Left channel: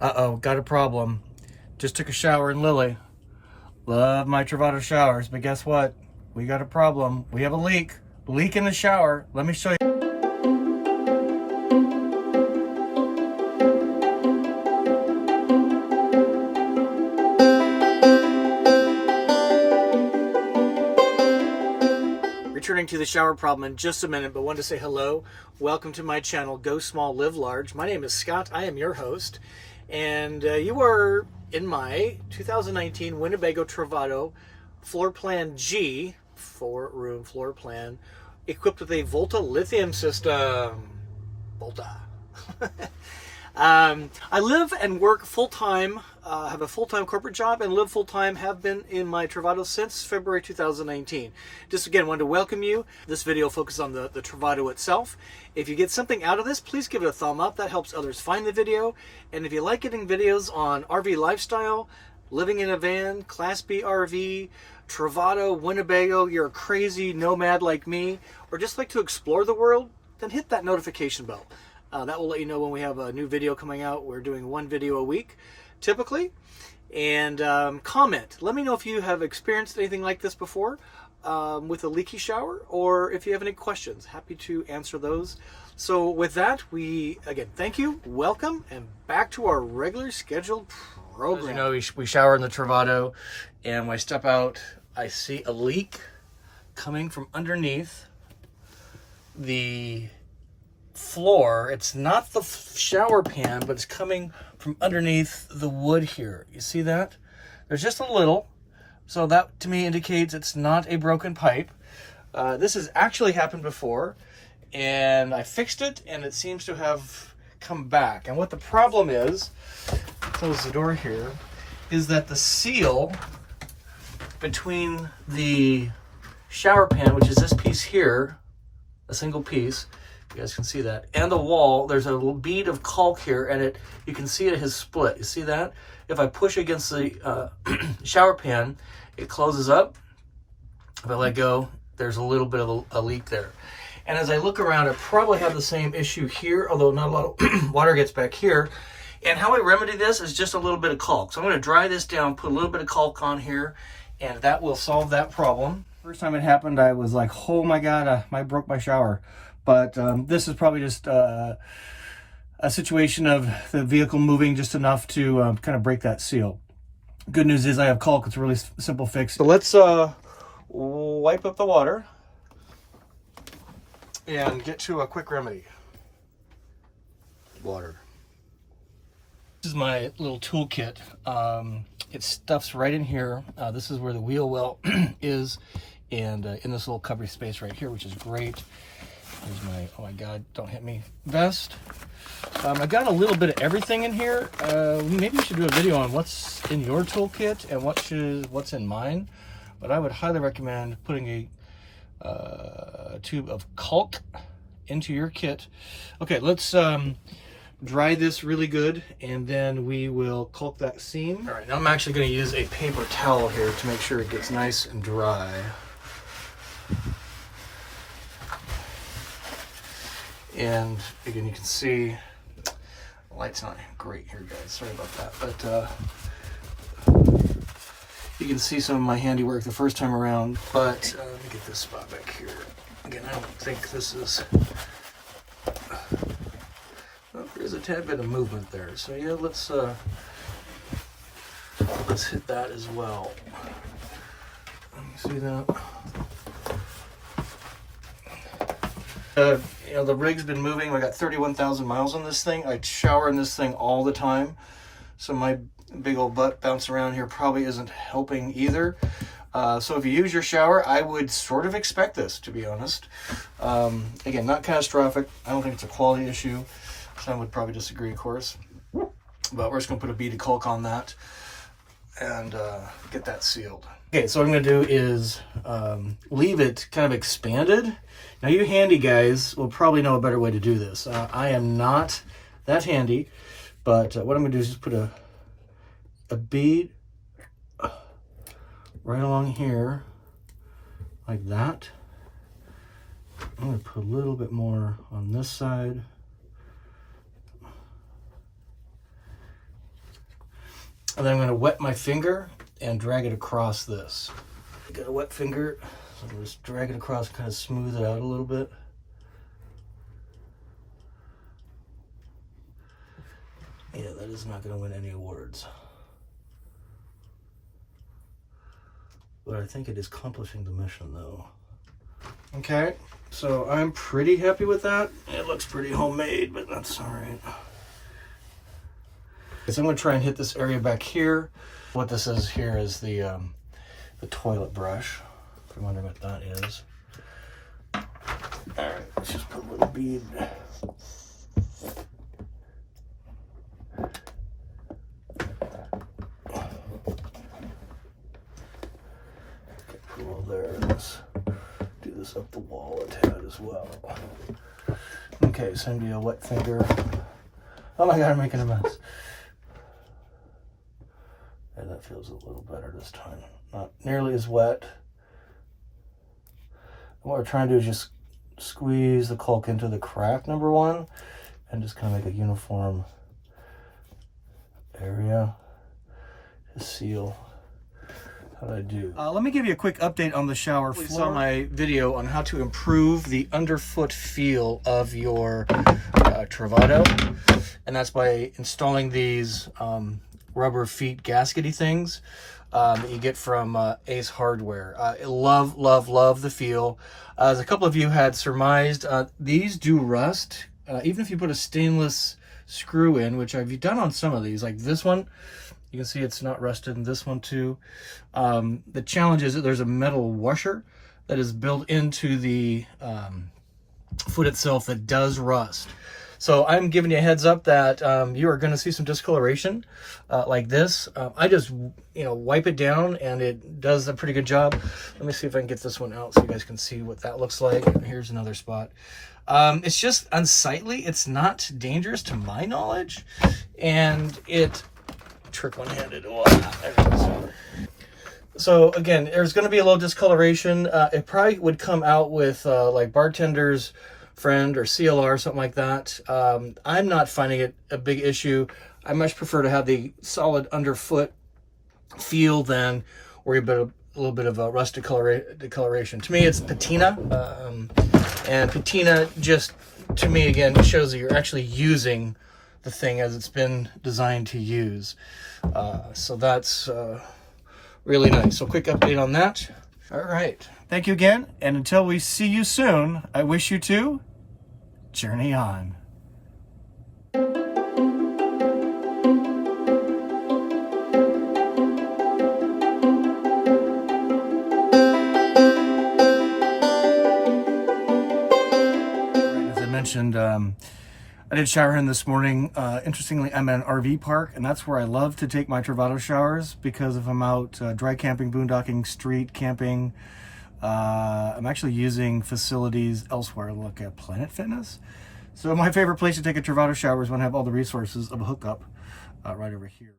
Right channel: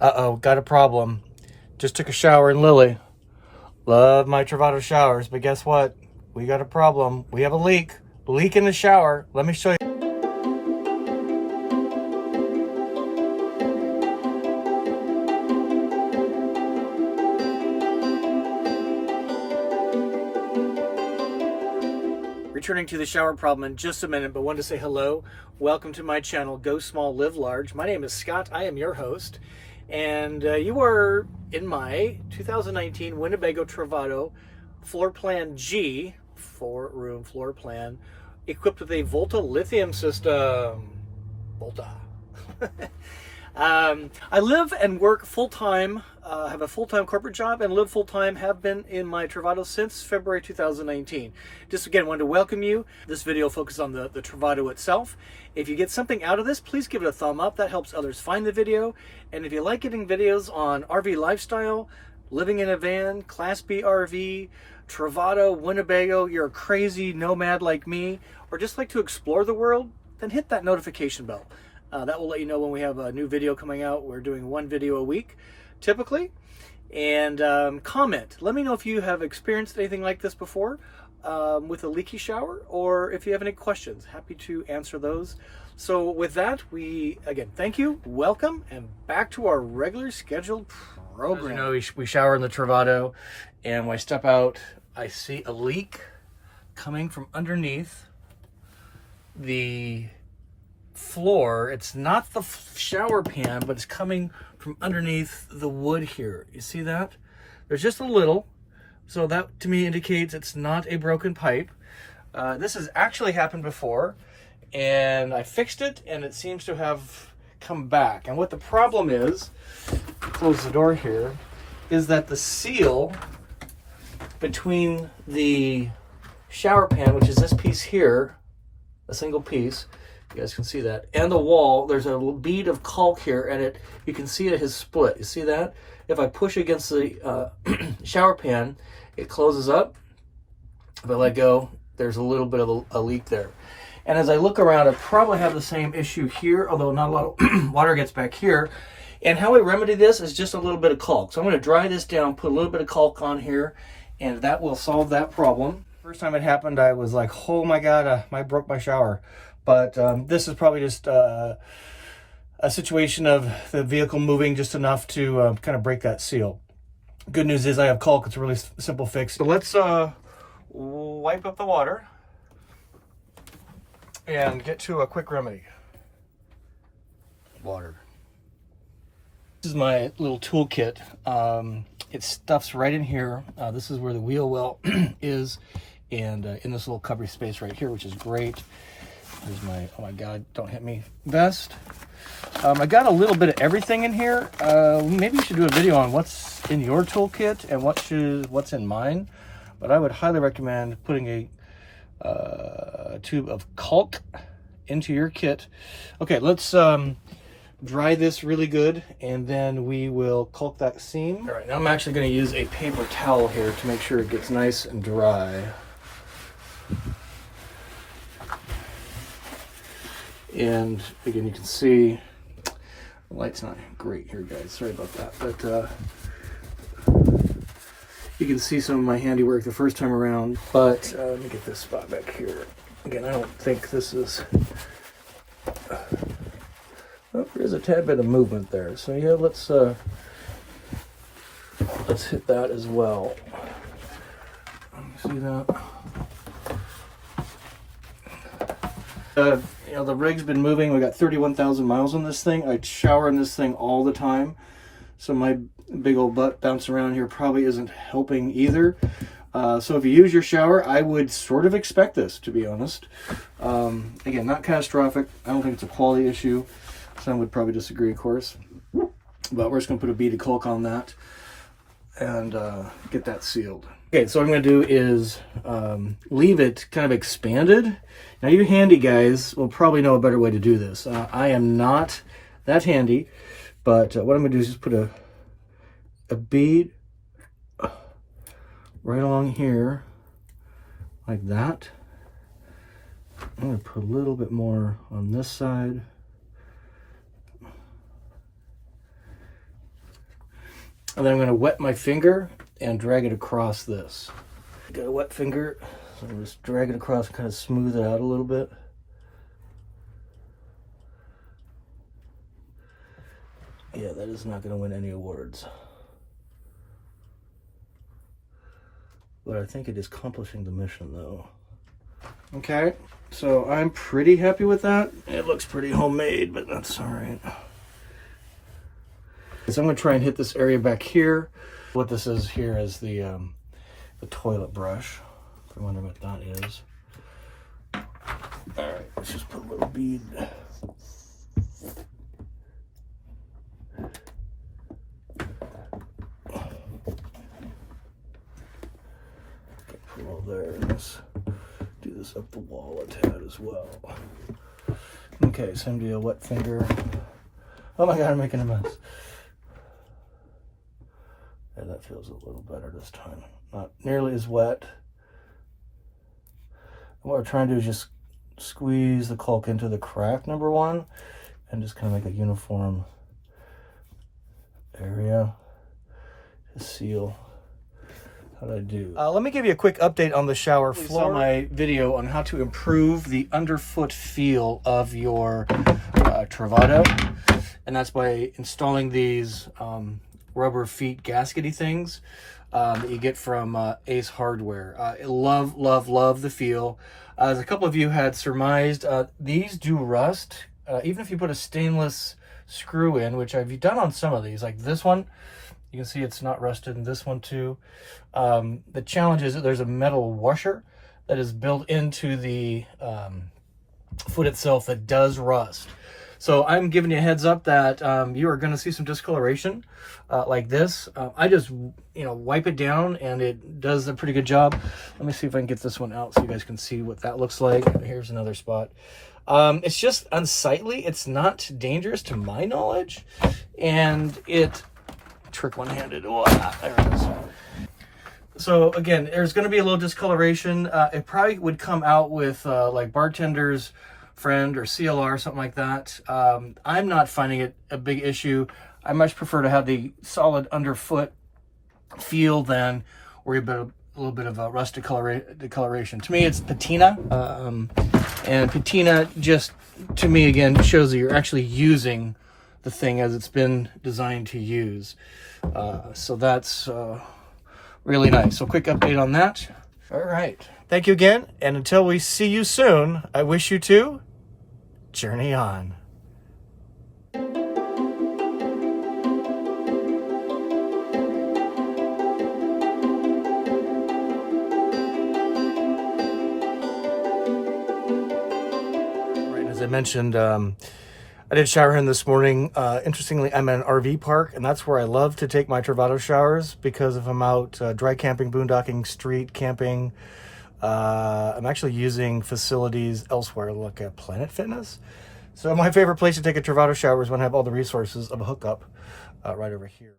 Uh-oh, got a problem. Just took a shower in Lily. Love my Travato showers, but guess what? We got a problem. We have a leak. Leak in the shower. Let me show you. Returning to the shower problem in just a minute, but wanted to say hello. Welcome to my channel, Go Small, Live Large. My name is Scott. I am your host. And you are in my 2019 Winnebago Travato floor plan G, 4-room floor plan, equipped with a Volta lithium system. Volta. I live and work full-time, have a full-time corporate job and live full-time, have been in my Travato since February 2019. Just again, wanted to welcome you. This video focuses on the Travato itself. If you get something out of this, please give it a thumb up. That helps others find the video. And if you like getting videos on RV lifestyle, living in a van, Class B RV, Travato, Winnebago, you're a crazy nomad like me, or just like to explore the world, then hit that notification bell. That will let you know when we have a new video coming out. We're doing one video a week, typically. And comment. Let me know if you have experienced anything like this before with a leaky shower, or if you have any questions. Happy to answer those. So with that, again, thank you, welcome, and back to our regular scheduled program. As you know, we shower in the Travato, and when I step out, I see a leak coming from underneath the floor. It's not the shower pan, but it's coming from underneath the wood here. You see that? There's just a little, so that to me indicates it's not a broken pipe. This has actually happened before, and I fixed it, and it seems to have come back. And what the problem is, close the door here, is that the seal between the shower pan, which is this piece here, a single piece, you guys can see that, and the wall, there's a little bead of caulk here, and you can see it has split. You see that? If I push against the shower pan, it closes up. If I let go, there's a little bit of a leak there. And as I look around, I probably have the same issue here, although not a lot of water gets back here. And how I remedy this is just a little bit of caulk. So I'm going to dry this down, put a little bit of caulk on here, and that will solve that problem. First time it happened, I was like, oh my God, I broke my shower. But this is probably just a situation of the vehicle moving just enough to kind of break that seal. Good news is I have caulk. It's a really simple fix. So let's wipe up the water and get to a quick remedy. Water. This is my little toolkit. It stuffs right in here. This is where the wheel well is, and in this little cubby space right here, which is great. Here's my, oh my God, don't hit me, vest. I got a little bit of everything in here. Maybe we should do a video on what's in your toolkit and what's in mine. But I would highly recommend putting a tube of caulk into your kit. Okay, let's dry this really good, and then we will caulk that seam. All right, now I'm actually going to use a paper towel here to make sure it gets nice and dry. And again, you can see the light's not great here, guys. Sorry about that. But you can see some of my handiwork the first time around. But let me get this spot back here. Again, I don't think this is... Oh, there's a tad bit of movement there. So yeah, let's hit that as well. See that? You know, the rig's been moving. We got 31,000 miles on this thing. I shower in this thing all the time, so my big old butt bouncing around here probably isn't helping either. So if you use your shower, I would sort of expect this, to be honest. Again, not catastrophic. I don't think it's a quality issue. Some would probably disagree, of course. But we're just going to put a bead of caulk on that and get that sealed. Okay, so what I'm going to do is leave it kind of expanded. Now you handy guys will probably know a better way to do this. I am not that handy, but what I'm going to do is just put a bead right along here, like that. I'm going to put a little bit more on this side. And then I'm going to wet my finger and drag it across this. Got a wet finger, so I'm just drag it across and kind of smooth it out a little bit. Yeah, that is not going to win any awards. But I think it is accomplishing the mission, though. Okay, so I'm pretty happy with that. It looks pretty homemade, but that's all right. So I'm going to try and hit this area back here. What this is here is the toilet brush. If you're wondering what that is. All right, let's just put a little bead. Put all there. Let's do this up the wall a tad as well. Okay, send me a wet finger. Oh my God, I'm making a mess. Yeah, that feels a little better this time. Not nearly as wet. What we're trying to do is just squeeze the caulk into the crack, number one, and just kind of make a uniform area to seal. How do I do? Let me give you a quick update on the shower floor. You saw my video on how to improve the underfoot feel of your travato, and that's by installing these rubber feet gaskety things that you get from Ace Hardware. Love the feel. As a couple of you had surmised, these do rust. Even if you put a stainless screw in, which I've done on some of these, like this one, you can see it's not rusted, and this one too. The challenge is that there's a metal washer that is built into the foot itself that does rust. So I'm giving you a heads up that you are going to see some discoloration like this. I just, wipe it down and it does a pretty good job. Let me see if I can get this one out so you guys can see what that looks like. Here's another spot. It's just unsightly. It's not dangerous to my knowledge. And it, trick one-handed. Oh, there it is. So again, there's going to be a little discoloration. It probably would come out with like bartender's friend or CLR, something like that. I'm not finding it a big issue. I much prefer to have the solid underfoot feel than worry about a little bit of a rust discoloration. To me, it's patina, and patina just, to me, again, shows that you're actually using the thing as it's been designed to use. So that's really nice. So quick update on that. All right. Thank you again. And until we see you soon, I wish you to journey on. As I mentioned, I did shower in this morning. Interestingly, I'm at an RV park, and that's where I love to take my travato showers, because if I'm out dry camping, boondocking, street camping, I'm actually using facilities elsewhere, like at Planet Fitness. So my favorite place to take a travato shower is when I have all the resources of a hookup right over here.